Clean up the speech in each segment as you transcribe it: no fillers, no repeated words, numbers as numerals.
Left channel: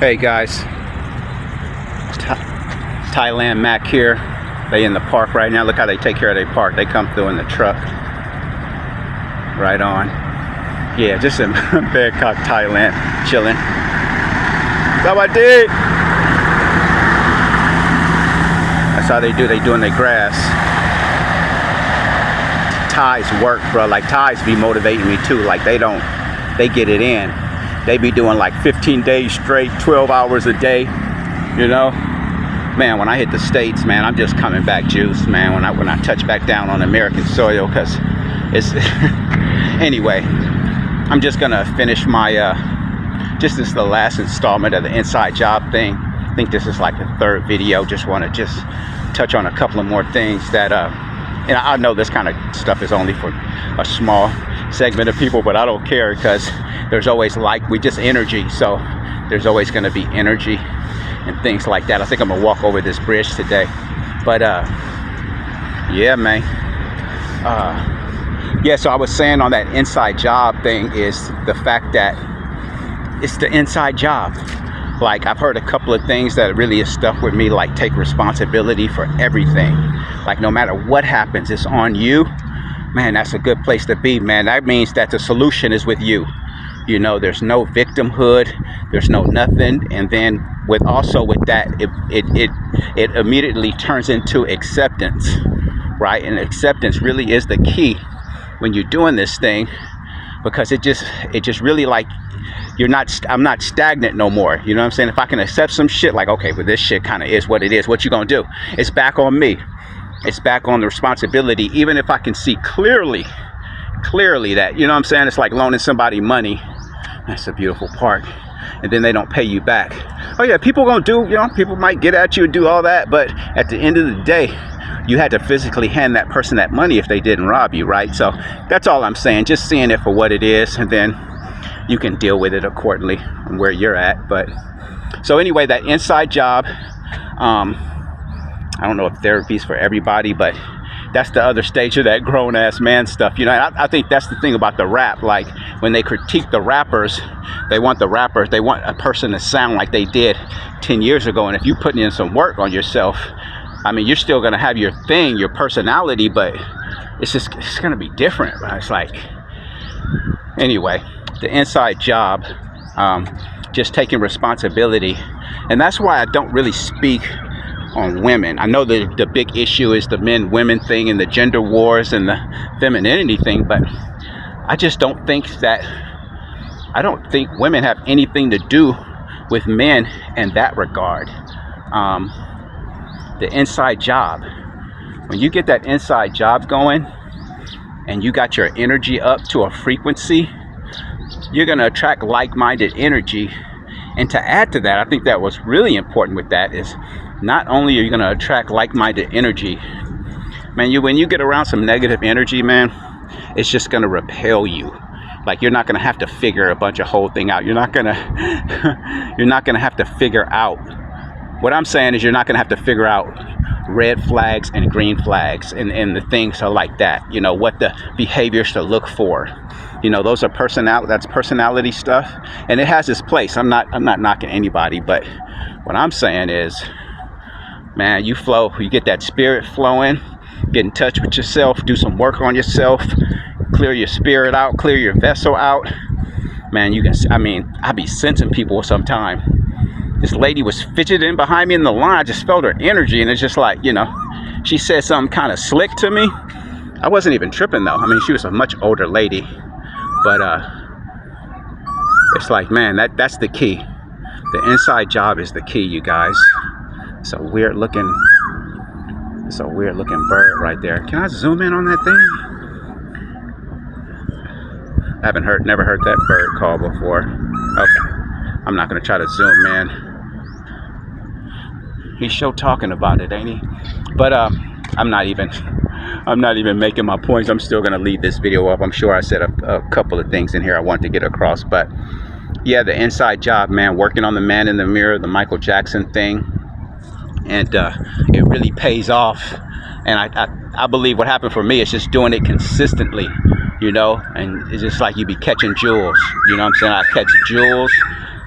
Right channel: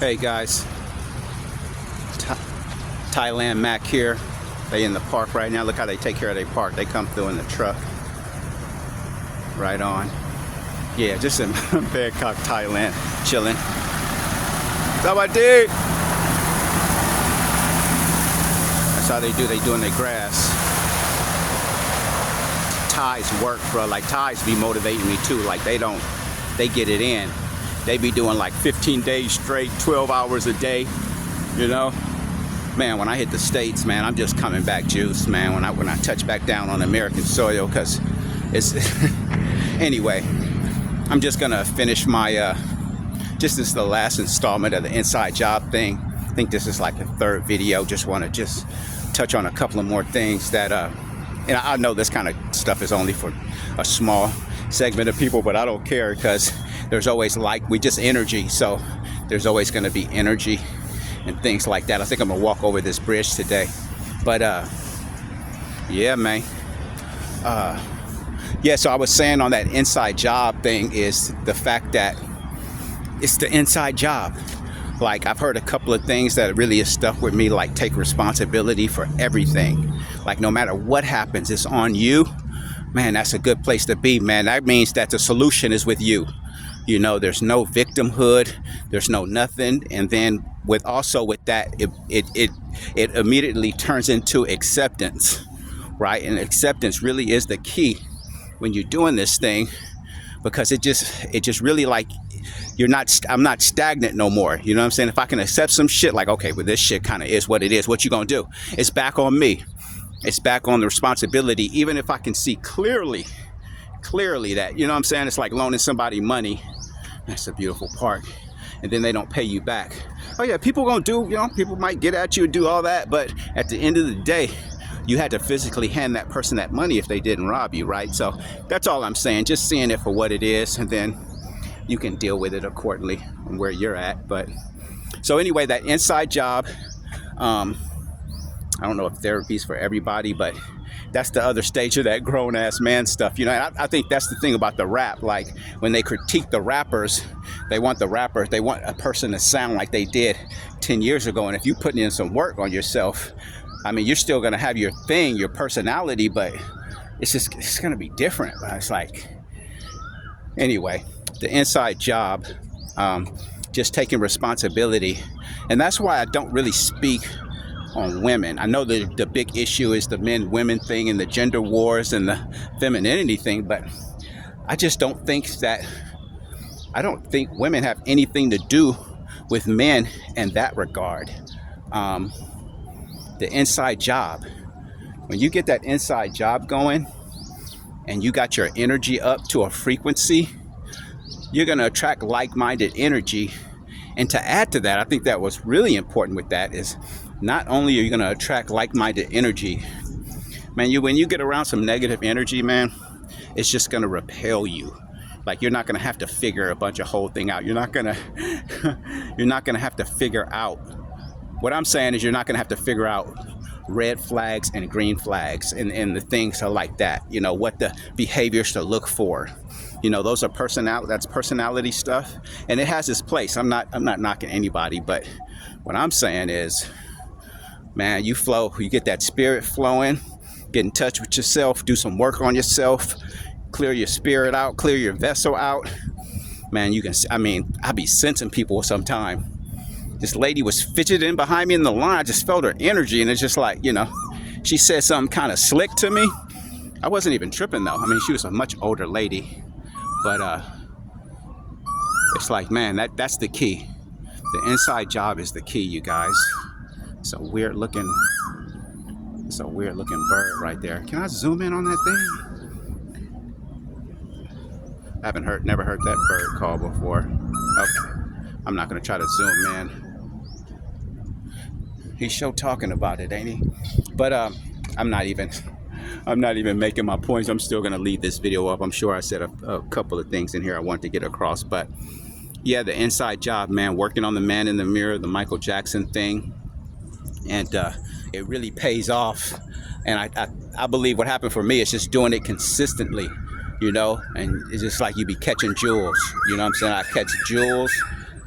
Hey guys, Thailand Mac here. They in the park right now. Look how they take care of their park. They come through in the truck. Right on. Yeah, just in Bangkok, Thailand, chilling. Sawadee. That's how they do. They doing their grass. Thais work, bro. Like Thais be motivating me too. Like they get it in. They be doing like 15 days straight, 12 hours a day, you know? Man, when I hit the States, man, I'm just coming back juice, man, when I touch back down on American soil, because it's... Anyway, I'm just gonna finish my, this is the last installment of the inside job thing. I think this is like the third video. Just wanna touch on a couple of more things that, and I know this kind of stuff is only for a small segment of people, but I don't care, because there's always we just energy, so there's always going to be energy and things like that. I think I'm gonna walk over this bridge today, but yeah, man. Yeah, so I was saying on that inside job thing is the fact that it's the inside job. Like, I've heard a couple of things that really has stuck with me, like take responsibility for everything. Like, no matter what happens, it's on you. Man, that's a good place to be, man. That means that the solution is with you. You know, there's no victimhood, there's no nothing. And then with that, it immediately turns into acceptance, right? And acceptance really is the key when you're doing this thing, because it just really, like, I'm not stagnant no more. You know what I'm saying? If I can accept some shit, like, okay, but this shit kind of is what it is. What you gonna do? It's back on me. It's back on the responsibility. Even if I can see clearly that, you know what I'm saying? It's like loaning somebody money. That's a beautiful park. And then they don't pay you back. Oh yeah, people gonna do, you know, people might get at you and do all that, but at the end of the day, you had to physically hand that person that money if they didn't rob you, right? So that's all I'm saying. Just seeing it for what it is, and then you can deal with it accordingly from where you're at. But so anyway, that inside job, I don't know if therapy's for everybody, but that's the other stage of that grown-ass man stuff. You know, I think that's the thing about the rap. Like, when they critique the rappers, they want a person to sound like they did 10 years ago. And if you're putting in some work on yourself, I mean, you're still going to have your thing, your personality, but it's going to be different. Right? It's like, anyway, the inside job, just taking responsibility. And that's why I don't really speak on women. I know that the big issue is the men-women thing and the gender wars and the femininity thing, but I just don't think women have anything to do with men in that regard. The inside job, when you get that inside job going and you got your energy up to a frequency, you're going to attract like-minded energy. And to add to that, I think that what's really important with that is not only are you going to attract like-minded energy, man, when you get around some negative energy, man, it's just going to repel you. Like, you're not going to have to figure a bunch of whole thing out. You're not going to have to figure out. What I'm saying is, you're not going to have to figure out red flags and green flags and the things are like that. You know, what the behaviors to look for. You know, those are personality stuff, and it has its place. I'm not knocking anybody, but what I'm saying is, man, you get that spirit flowing, get in touch with yourself, do some work on yourself, clear your spirit out, clear your vessel out. Man, I be sensing people sometimes. This lady was fidgeting behind me in the line. I just felt her energy, and it's just like, you know, she said something kind of slick to me. I wasn't even tripping though. I mean, she was a much older lady, but it's like, man, that's the key. The inside job is the key, you guys. It's a weird looking bird right there. Can I zoom in on that thing? I haven't never heard that bird call before. Okay, I'm not gonna try to zoom in. He's sure talking about it, ain't he? But I'm not even making my points. I'm still gonna leave this video up. I'm sure I said a couple of things in here I wanted to get across, but yeah, the inside job, man, working on the man in the mirror, the Michael Jackson thing. And it really pays off. And I believe what happened for me is just doing it consistently, you know, and it's just like you be catching jewels, you know what I'm saying? I catch jewels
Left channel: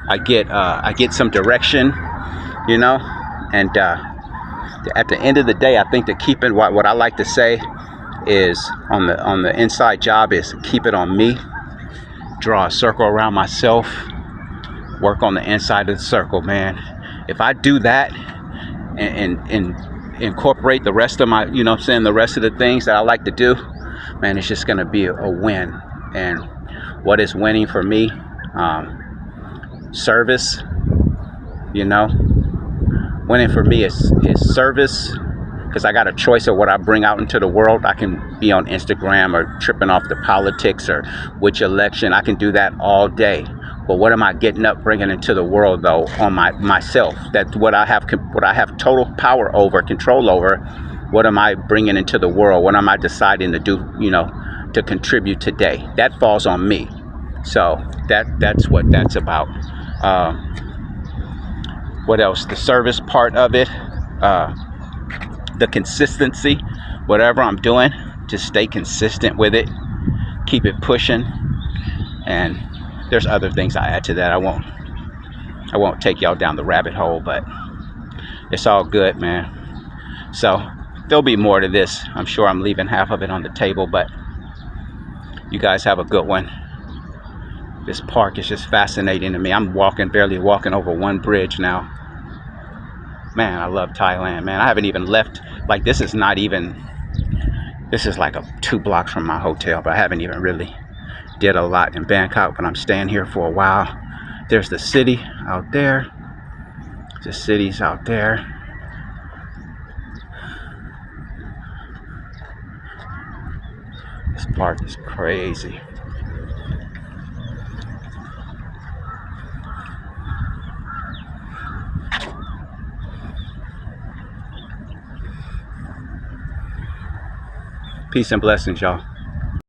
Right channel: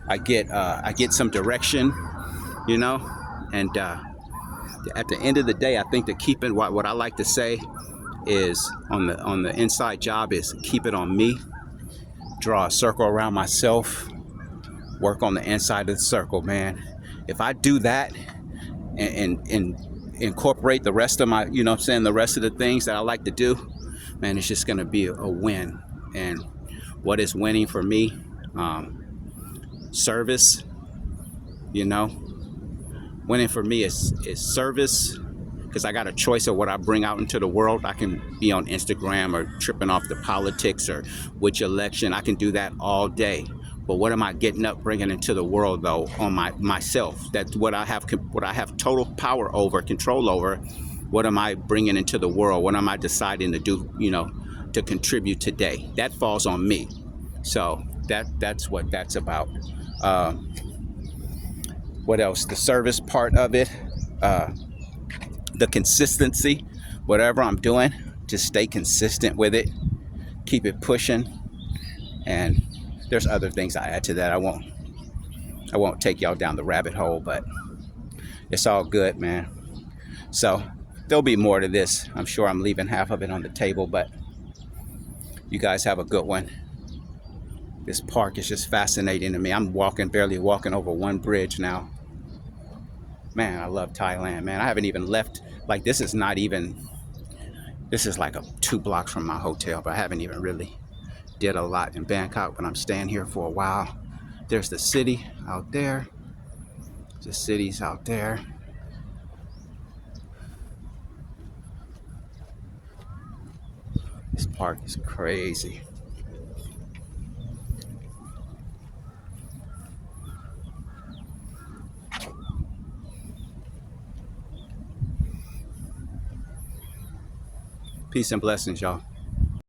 I get some direction, you know, and at the end of the day, I think that keeping what I like to say is on the inside job is keep it on me, draw a circle around myself, work on the inside of the circle, man. If I do that and incorporate the rest of my, you know what I'm saying, the rest of the things that I like to do, man, it's just gonna be a win. And what is winning for me? Service, you know. Winning for me is service, because I got a choice of what I bring out into the world. I can be on Instagram or tripping off the politics or which election. I can do that all day. But what am I getting up, bringing into the world, though, on myself? That's what I have total power over, control over. What am I bringing into the world? What am I deciding to do, you know, to contribute today? That falls on me. So that's what that's about. What else? The service part of it, the consistency, whatever I'm doing, just stay consistent with it, keep it pushing. And there's other things I add to that. I won't take y'all down the rabbit hole, but it's all good, man. So there'll be more to this. I'm sure I'm leaving half of it on the table, but you guys have a good one. This park is just fascinating to me. I'm barely walking over one bridge now. Man, I love Thailand, man. I haven't even left. Like, this is like 2 blocks from my hotel, but I haven't even really did a lot in Bangkok, but I'm staying here for a while. There's the city out there. The city's out there. This park is crazy. Peace and blessings, y'all.